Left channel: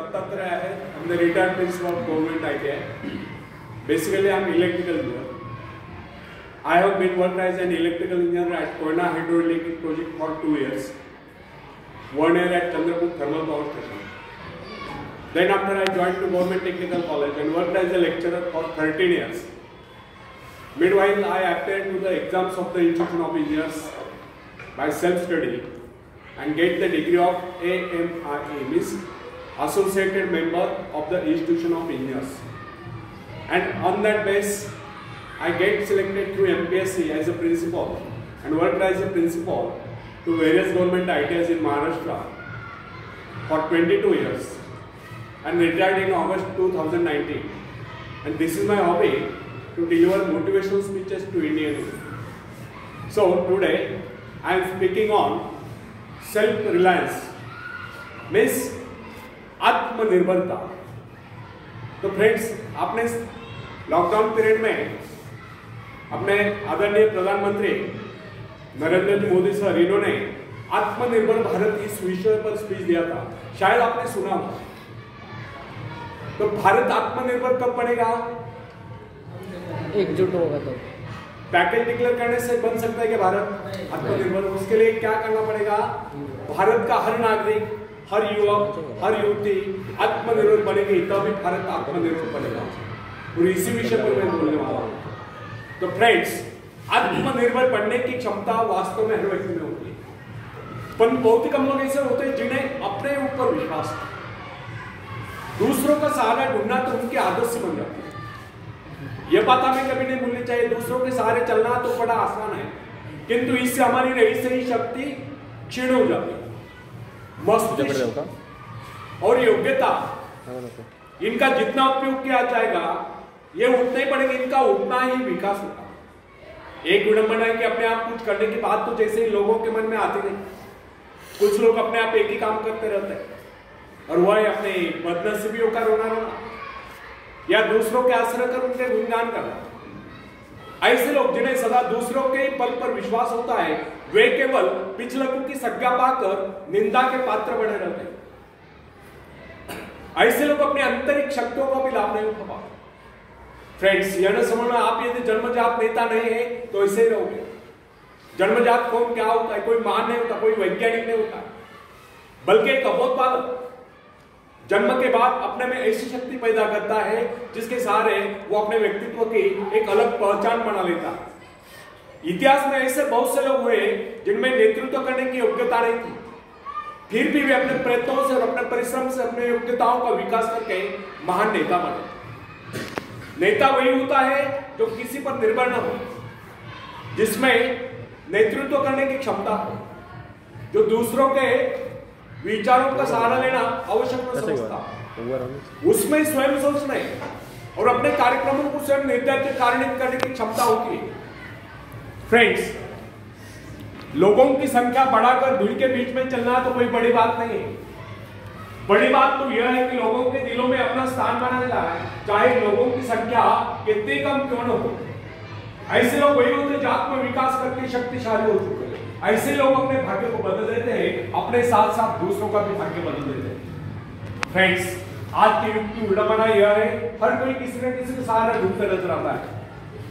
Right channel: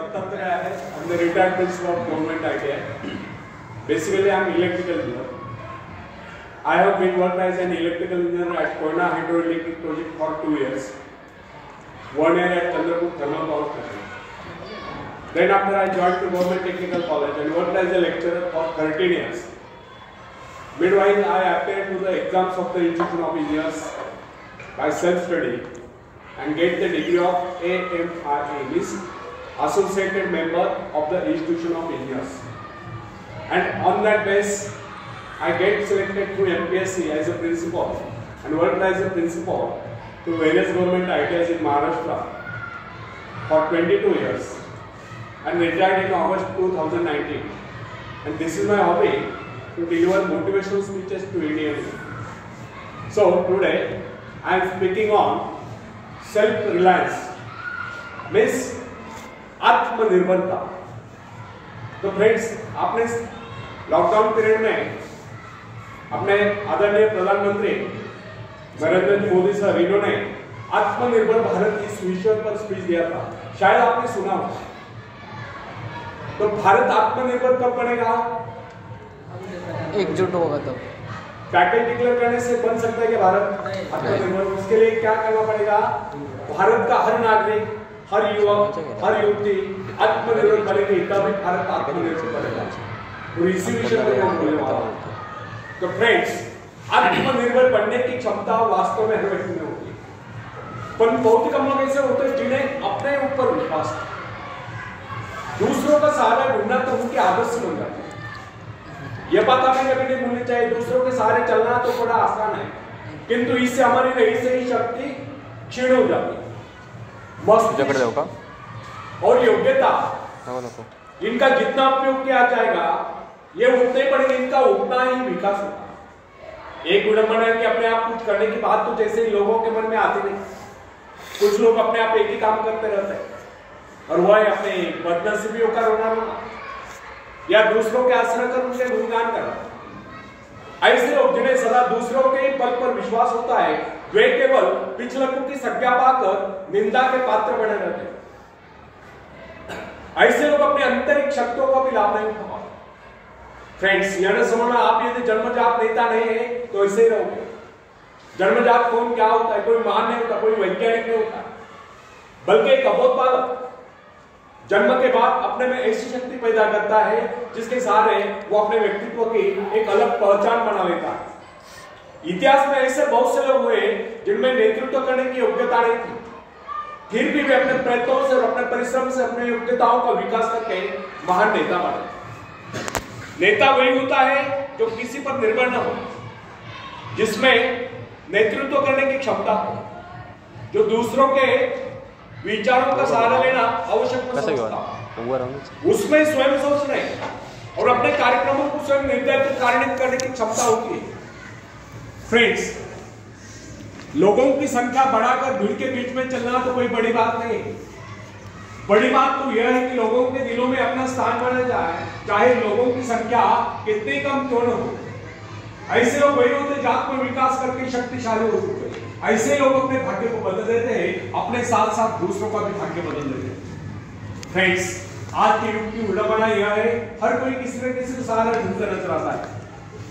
I'm the retired principal of Government ITI. Basically, I'm electrical engineer. I have been worked as an electrical engineer at Koyna Hydroelectric Project for 2 years. 1 year at Chandrapur Thermal Power Station. Then after I joined to Government Technical College and worked as a lecturer for 13 years. Meanwhile, I applied to the exams of the Institute of Engineers by self-study and get the degree of AMRE, means Associated Member of the Institution of Engineers. And on that base, I get selected through MPSC as a principal and worked as a principal to various government ITIs in Maharashtra for 22 years and retired in August 2019. And this is my hobby, to deliver motivational speeches to Indian youth. So today I am speaking on self-reliance, means आत्मनिर्भरता. तो friends, आपने lockdown period में अपने आदरणीय प्रधानमंत्री Narendra Modi sir, इन्होंने आत्मनिर्भर भारत इस विषय पर स्पीच दिया था, शायद आपने सुना हो. तो भारत आत्मनिर्भर कब बनेगा? एकजुट होगा तब. पैकेज डिक्लेयर करने से बन सकता है कि भारत आत्मनिर्भर? उसके लिए क्या करना पड़ेगा? भारत का हर नागरिक, हर युवक, हर युवती आत्मनिर्भर बनेगी, तभी भारत आत्मनिर्भर बनेगा. और इसी विषय पर मैं बोलने वाला हूं. तो फ्रेंड्स, आत्मनिर्भर बनने की क्षमता वास्तव में हर व्यक्ति में होती है, पर बहुत ही कम लोग ऐसे होते हैं जिन्हें अपने ऊपर विश्वास है. दूसरों का सहारा ढूंढना तो उनकी आदत से बन जाती है. यह बात हमें कभी नहीं भूलनी चाहिए. दूसरों के सहारे चलना तो बड़ा आसान है, किंतु इससे हमारी रही सही शक्ति क्षीण हो जाती है. मस्तिष्क और योग्यता, इनका जितना उपयोग किया जाएगा, ये उतने पड़ेंगे, इनका उतना ही विकास होगा. एक विडंबना कि अपने आप कुछ करने की बात तो जैसे लोगों के मन में आती नहीं. कुछ लोग अपने आप एक ही काम करते रहते हैं और वह अपने बदनसीबियों का रोना रोना या दूसरों के आश्रय कर उनके गुणगान करना. ऐसे लोग जिन्हें सदा दूसरों के बल पर विश्वास होता है, वे केवल पिछलकों की संज्ञा पाकर निंदा के पात्र बने रहते हैं. ऐसे लोग अपने आंतरिक शक्तियों को भी लाभ नहीं उठा पाते. फ्रेंड्स, यह न समझना आप यदि जन्मजात नेता नहीं है तो ऐसे ही रहोगे. जन्मजात कौन क्या होता है? कोई महान नहीं होता, कोई वैज्ञानिक नहीं होता, बल्कि एक अबोध बालक जन्म के बाद अपने में ऐसी शक्ति पैदा करता है जिसके सहारे वो अपने व्यक्तित्व की एक अलग पहचान बना लेता है. इतिहास में ऐसे बहुत से लोग हुए जिनमें नेतृत्व करने की योग्यता नहीं थी, फिर भी वे अपने प्रयत्नों से और अपने परिश्रम से अपने योग्यताओं का विकास करके महान नेता बने. नेता वही होता है जो किसी पर निर्भर न हो, जिसमें नेतृत्व करने की क्षमता हो, जो दूसरों के विचारों का सहारा लेना आवश्यक न समझता, उसमें स्वयं सोचने और अपने कार्यक्रमों को स्वयं निर्धारित कार्यान्वित करने की क्षमता होती है. फ्रेंड्स, लोगों की संख्या बढ़ाकर भीड़ के बीच में चलना तो कोई बड़ी बात नहीं है. बड़ी बात तो यह है कि लोगों के दिलों में अपना स्थान बना जाए, चाहे लोगों की संख्या कितनी कम क्यों न हो. ऐसे लोग वही होते जो आत्म विकास करके शक्तिशाली हो चुके हैं. ऐसे लोग अपने भाग्य को बदल देते हैं, अपने साथ साथ दूसरों का भी भाग्य बदल देते हैं. फ्रेंड्स, आज के युग की विडंबना यह है, हर कोई किसी न किसी का सहारा ढूंढते नजर आता है.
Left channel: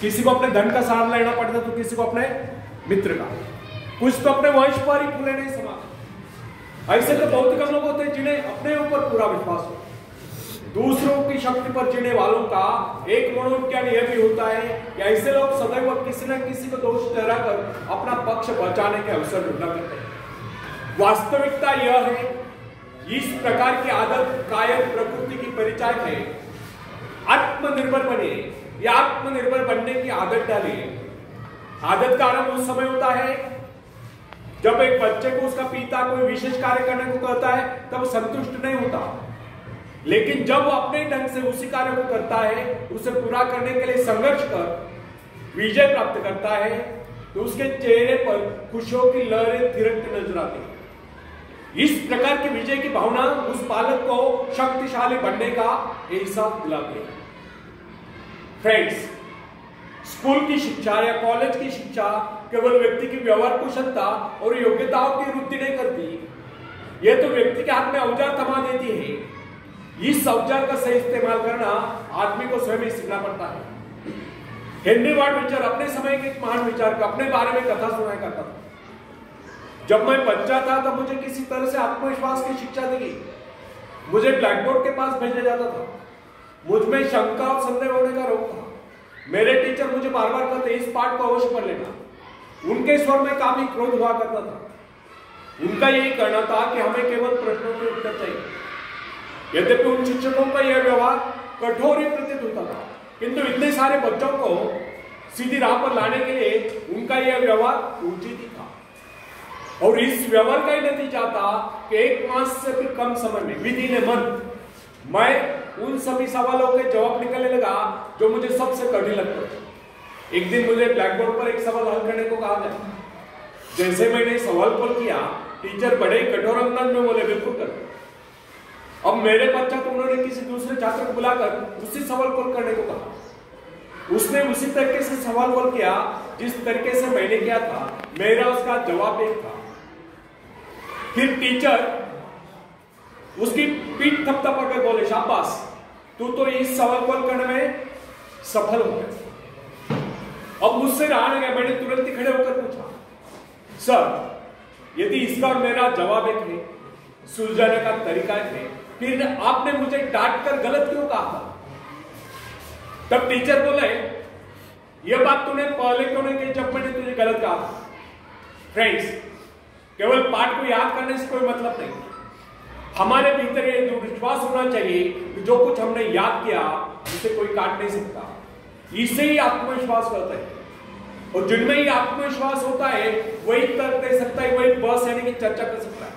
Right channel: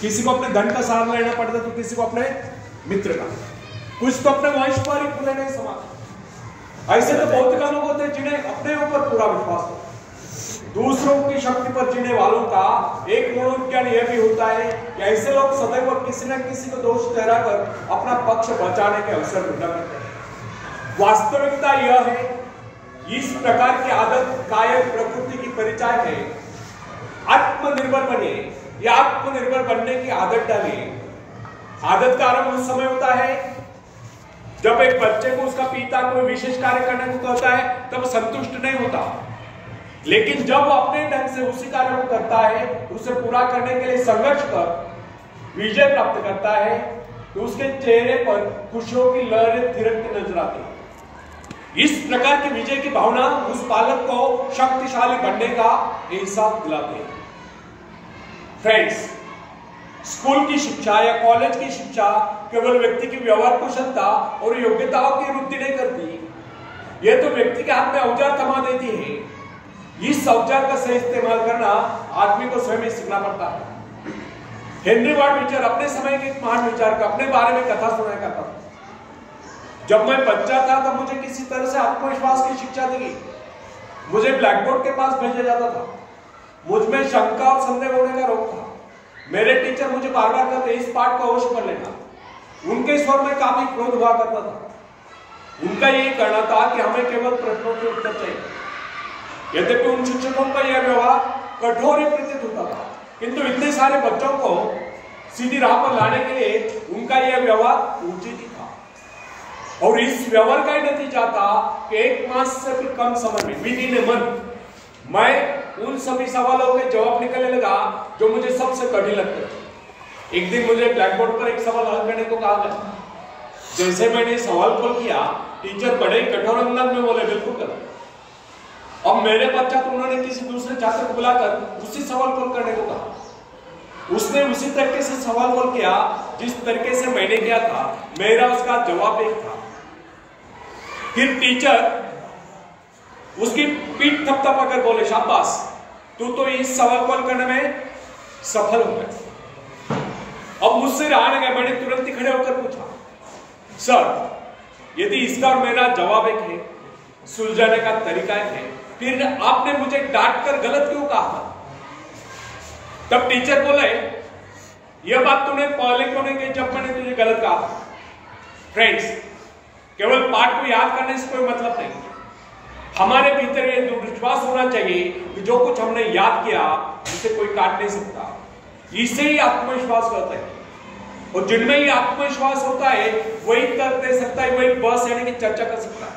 किसी को अपने धन का सहारा लेना पड़ता है तो किसी को अपने मित्र का, कुछ तो अपने वंश पर ही पूरे नहीं समाज. ऐसे तो बहुत कम लोग होते हैं जिन्हें अपने ऊपर पूरा विश्वास हो. दूसरों की शक्ति पर जीने वालों का एक मनोविज्ञान यह भी होता है कि ऐसे लोग सदैव किसी न किसी को दोष ठहराकर अपना पक्ष बचाने के अवसर ढूंढा करते हैं. वास्तविकता यह है, इस प्रकार की आदत कायर प्रकृति की परिचायक है. आत्मनिर्भर बनिए या आत्मनिर्भर बनने की आदत डालिए. आदत का आरंभ उस समय होता है जब एक बच्चे को उसका पिता कोई विशेष कार्य करने को कहता है, तब संतुष्ट नहीं होता, लेकिन जब वो अपने ढंग से उसी कार्य को करता है, उसे पूरा करने के लिए संघर्ष कर विजय प्राप्त करता है, तो उसके चेहरे पर खुशियों की लहरें थिरकती नजर आती है. इस प्रकार की विजय की भावना उस बालक को शक्तिशाली बनने का एहसास दिलाती है. फ्रेंड्स, स्कूल की शिक्षा या कॉलेज की शिक्षा केवल व्यक्ति की व्यवहार कुशलता और योग्यताओं की वृद्धि नहीं करती, यह तो व्यक्ति के हाथ में औजार थमा देती है इस औजार का सही इस्तेमाल करना आदमी को स्वयं ही सीखना पड़ता है। हेनरी वार्ड बीचर अपने समय के एक महान विचारक अपने बारे में कथा सुनाया करता था। जब मैं बच्चा था तब मुझे किसी तरह से आत्मविश्वास की शिक्षा दी। मुझे ब्लैक बोर्ड के पास भेजा जाता था। मुझ में शंका और संदेह होने का रोग था। मेरे टीचर मुझे बार बार कहते इस पाठ को अवश्य पढ़ लेना। उनके स्वर में काफी क्रोध हुआ करता था। उनका यही कहना था कि हमें केवल प्रश्नों के उत्तर चाहिए। यद्यपि उन शिक्षकों का यह व्यवहार कठोर ही प्रतीत होता था, किंतु इतने सारे बच्चों को सीधी राह पर लाने के लिए उनका यह व्यवहार उचित ही था। और इस व्यवहार का ही नतीजा था कि 1 मास से भी कम समय में विदिन ए मंथ मैं उन सभी सवालों के जवाब निकलने लगा जो मुझे सबसे कठिन लगते थे। एक दिन मुझे ब्लैक बोर्ड पर एक सवाल हल करने को कहा गया। जैसे मैंने सवाल को किया, टीचर बड़े कठोर अंदाज में बोले बिल्कुल कर। अब मेरे पश्चात उन्होंने किसी दूसरे छात्र को बुलाकर उसी सवाल को करने को कहा। उसने उसी तरीके से सवाल को किया जिस तरीके से मैंने किया था। मेरा उसका जवाब एक था। फिर टीचर उसकी पीठ थपथपा कर बोले शाबाश, तू तो इस सवाल को करने में सफल हो गया। अब मुझसे रहा नहीं गया। मैंने तुरंत ही खड़े होकर पूछा, सर यदि इसका और मेरा जवाब एक है, सुलझाने का तरीका एक है, फिर आपने मुझे डांट कर गलत क्यों कहा था? तब टीचर बोले यह बात तूने पहले क्यों नहीं कही जब मैंने तुझे गलत कहा था? फ्रेंड्स, केवल पाठ को याद करने से कोई मतलब नहीं। हमारे भीतर यह विश्वास होना चाहिए कि जो कुछ हमने याद किया उसे कोई काट नहीं सकता। इससे ही आत्मविश्वास होता है। और जिनमें ही आत्मविश्वास होता है वही तर्क दे सकता है, वही बहस यानी कि चर्चा कर सकता है।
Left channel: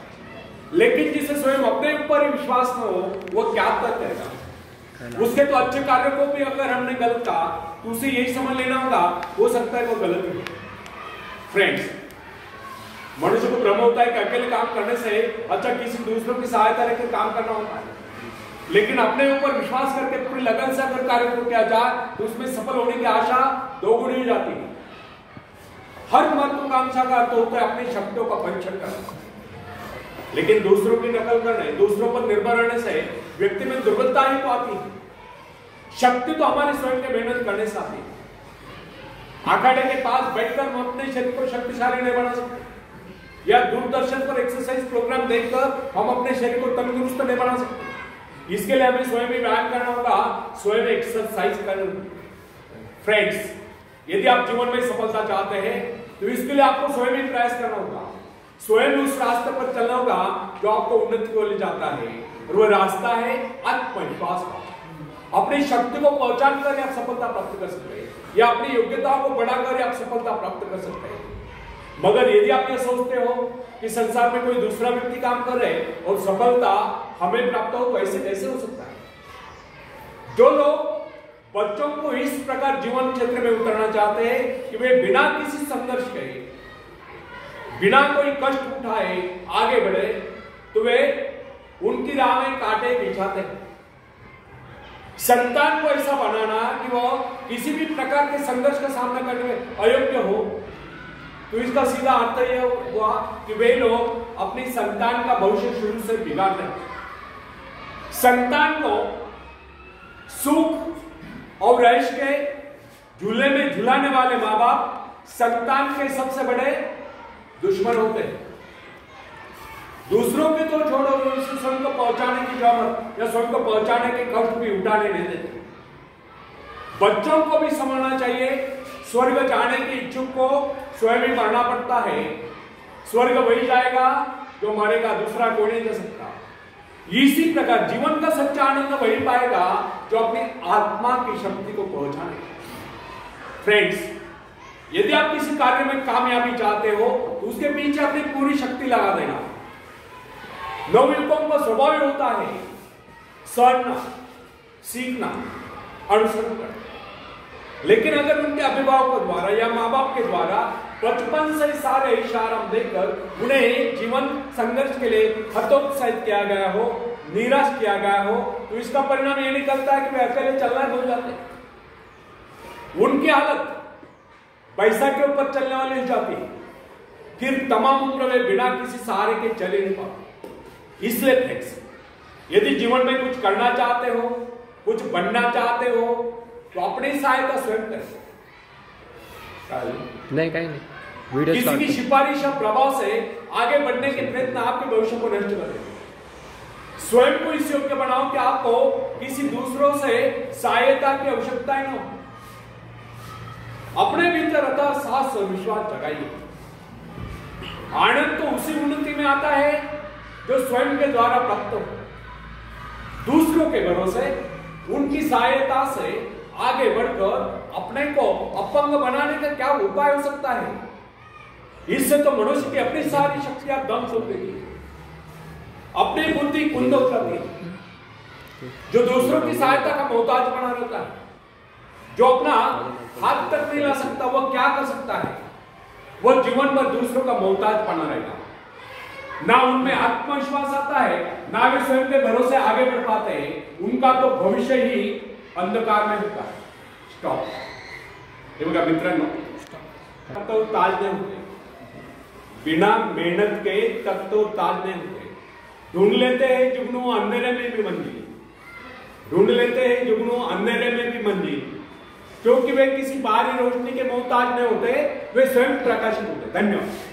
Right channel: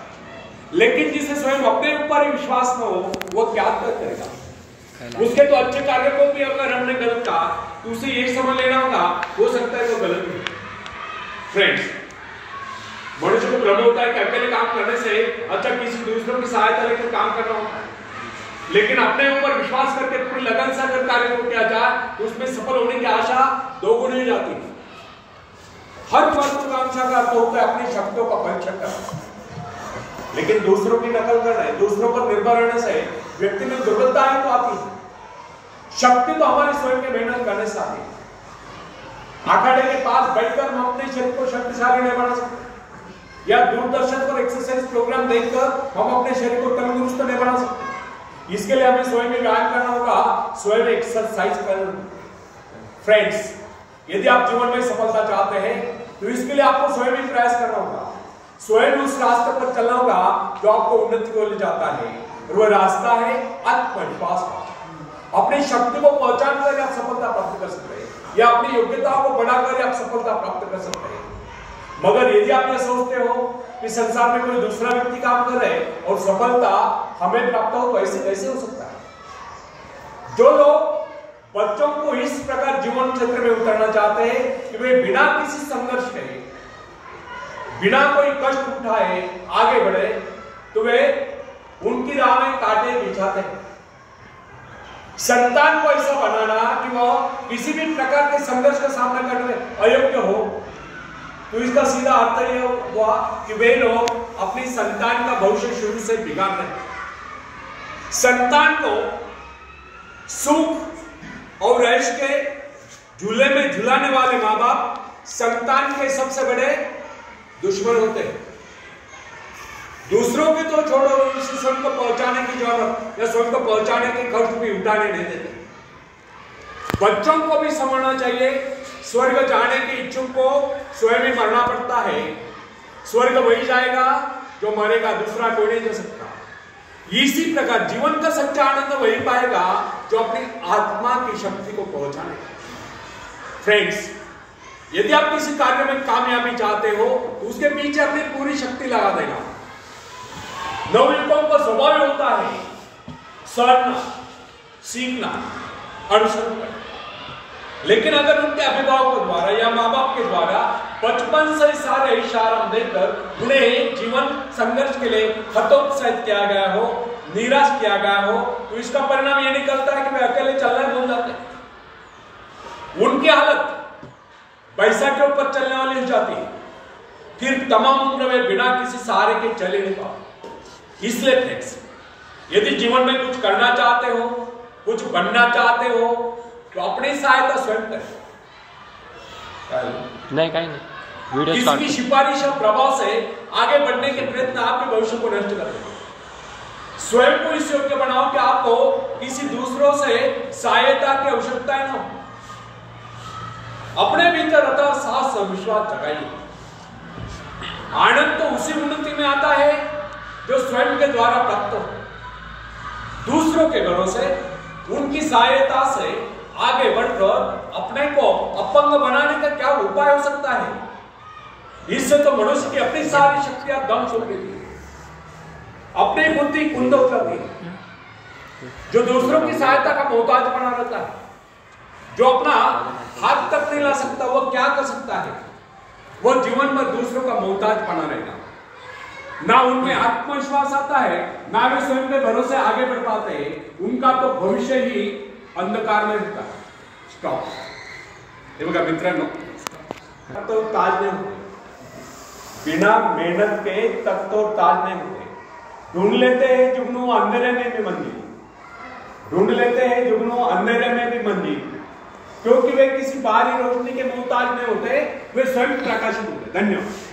लेकिन जिसे स्वयं अपने ऊपर ही विश्वास न हो वो क्या तर्क करेगा? उसके तो अच्छे कार्य को भी अगर हमने गलत कहा तो उसे यही समझ लेना होगा हो सकता है वो गलत हो। फ्रेंड्स, मनुष्य को भ्रम होता है कि अकेले काम करने से अच्छा किसी दूसरों की सहायता लेकर काम करना होता है। लेकिन अपने ऊपर विश्वास करके पूरी लगन से अगर कार्य को किया जाए तो उसमें सफल होने की आशा दोगुनी हो जाती है। हर महत्वाकांक्षा का अर्थ होता है अपनी शक्तियों का परीक्षण करना। लेकिन दूसरों की नकल करना, दूसरों पर निर्भर रहने से व्यक्ति में दुर्बलता ही तो आती है। शक्ति तो हमारे स्वयं के मेहनत करने से आती है। अखाड़े के पास बैठकर हम अपने शरीर को शक्तिशाली नहीं बना सकते, या दूरदर्शन पर एक्सरसाइज प्रोग्राम देखकर हम अपने शरीर को तंदुरुस्त नहीं बना सकते। इसके लिए हमें स्वयं ही व्यायाम करना होगा, स्वयं एक्सरसाइज करना। फ्रेंड्स, यदि आप जीवन में सफलता चाहते हैं तो इसके लिए आपको स्वयं ही प्रयास करना होगा। स्वयं उस रास्ते पर चलना होगा जो आपको उन्नति को ले जाता है, और वह रास्ता है आत्मविश्वास का। अपनी शक्ति को पहचान कर आप सफलता प्राप्त कर सकते हैं, या अपनी योग्यता को बढ़ाकर आप सफलता प्राप्त कर सकते हैं। मगर यदि आप ये सोचते हो कि संसार में कोई दूसरा व्यक्ति काम कर रहे और सफलता हमें प्राप्त हो, तो ऐसे कैसे हो सकता है? जो लोग बच्चों को इस प्रकार जीवन क्षेत्र में उतरना चाहते हैं कि वे बिना किसी संघर्ष के, बिना कोई कष्ट उठाए आगे बढ़े, तो वे उनकी राह में कांटे बिछाते हैं। संतान को ऐसा बनाना कि वह किसी भी प्रकार के संघर्ष का सामना करने में अयोग्य हो, तो इसका सीधा अर्थ यह हुआ कि वे लोग अपनी संतान का भविष्य शुरू से बिगाड़ रहे हैं। संतान को सुख और ऐश के झूले में झुलाने वाले माँ बाप संतान के सबसे बड़े दुश्मन होते हैं। दूसरों के तो छोड़ो, उसे स्वयं को पहुंचाने की जरूरत या स्वयं को पहुंचाने के खर्च भी उठाने नहीं देते। बच्चों को भी समझना चाहिए स्वर्ग जाने के इच्छुक को स्वयं ही मरना पड़ता है। स्वर्ग वही जाएगा जो मरेगा, दूसरा कोई नहीं जा सकता। इसी प्रकार जीवन का सच्चा आनंद वही पाएगा जो अपनी आत्मा की शक्ति को पहुंचाने। फ्रेंड्स, यदि आप किसी कार्य में कामयाबी चाहते हो तो उसके पीछे अपनी पूरी शक्ति लगा देना। नवयुवकों का स्वभाव होता है सड़ना, सीखना, अनुसरण करना। लेकिन अगर उनके अभिभावकों द्वारा या माँ बाप के द्वारा बचपन से सारे इशारा देकर उन्हें जीवन संघर्ष के लिए हतोत्साहित किया गया हो, निराश किया गया हो, तो इसका परिणाम यह निकलता है कि वे अकेले चलना भूल जाते हैं। उनकी हालत पैसा के ऊपर चलने वाली हो जाती है। फिर तमाम उम्र में बिना किसी सहारे के चले नहीं पाते। इसलिए फ्रेंड्स, यदि जीवन में कुछ करना चाहते हो, कुछ बनना चाहते हो, तो अपनी सहायता स्वयं करें। नहीं कहीं नहीं, किसी की सिफारिश और प्रभाव से आगे बढ़ने के प्रयत्न आपके भविष्य को नष्ट कर देंगे। स्वयं को इस योग्य बनाओ कि आपको किसी दूसरों से सहायता की आवश्यकता न हो। अपने भीतर अतः साहस और विश्वास जगाइए। आनंद तो उसी उन्नति में आता है जो स्वयं के द्वारा प्राप्त हो। दूसरों के भरोसे, उनकी सहायता से आगे बढ़कर अपने को अपंग बनाने का क्या उपाय हो सकता है? इससे तो मनुष्य की अपनी सारी शक्तियां दम तोड़ देती है, अपनी बुद्धि कुंद हो जाती है। जो दूसरों की सहायता का मोहताज बना रहता है, जो अपना हाथ तक नहीं ला सकता, वो क्या कर सकता है? वो जीवन में दूसरों का मोहताज बना रहेगा। ना उनमें आत्मविश्वास आता है, ना वे स्वयं के भरोसे आगे बढ़ पाते हैं। उनका तो भविष्य ही अंधकार में रहता है। स्टॉप। हे बघा मित्रांनो, तो ताज नहीं होते, बिना मेहनत के तक तो ताज नहीं होते। ढूंढ लेते हैं जुगनू अंधेरे में भी मंजिल, ढूंढ लेते हैं जुगनू अंधेरे में भी मंजिल, क्योंकि वे किसी बाहरी रोशनी के मोहताज नहीं होते, वे स्वयं प्रकाशित होते। धन्यवाद।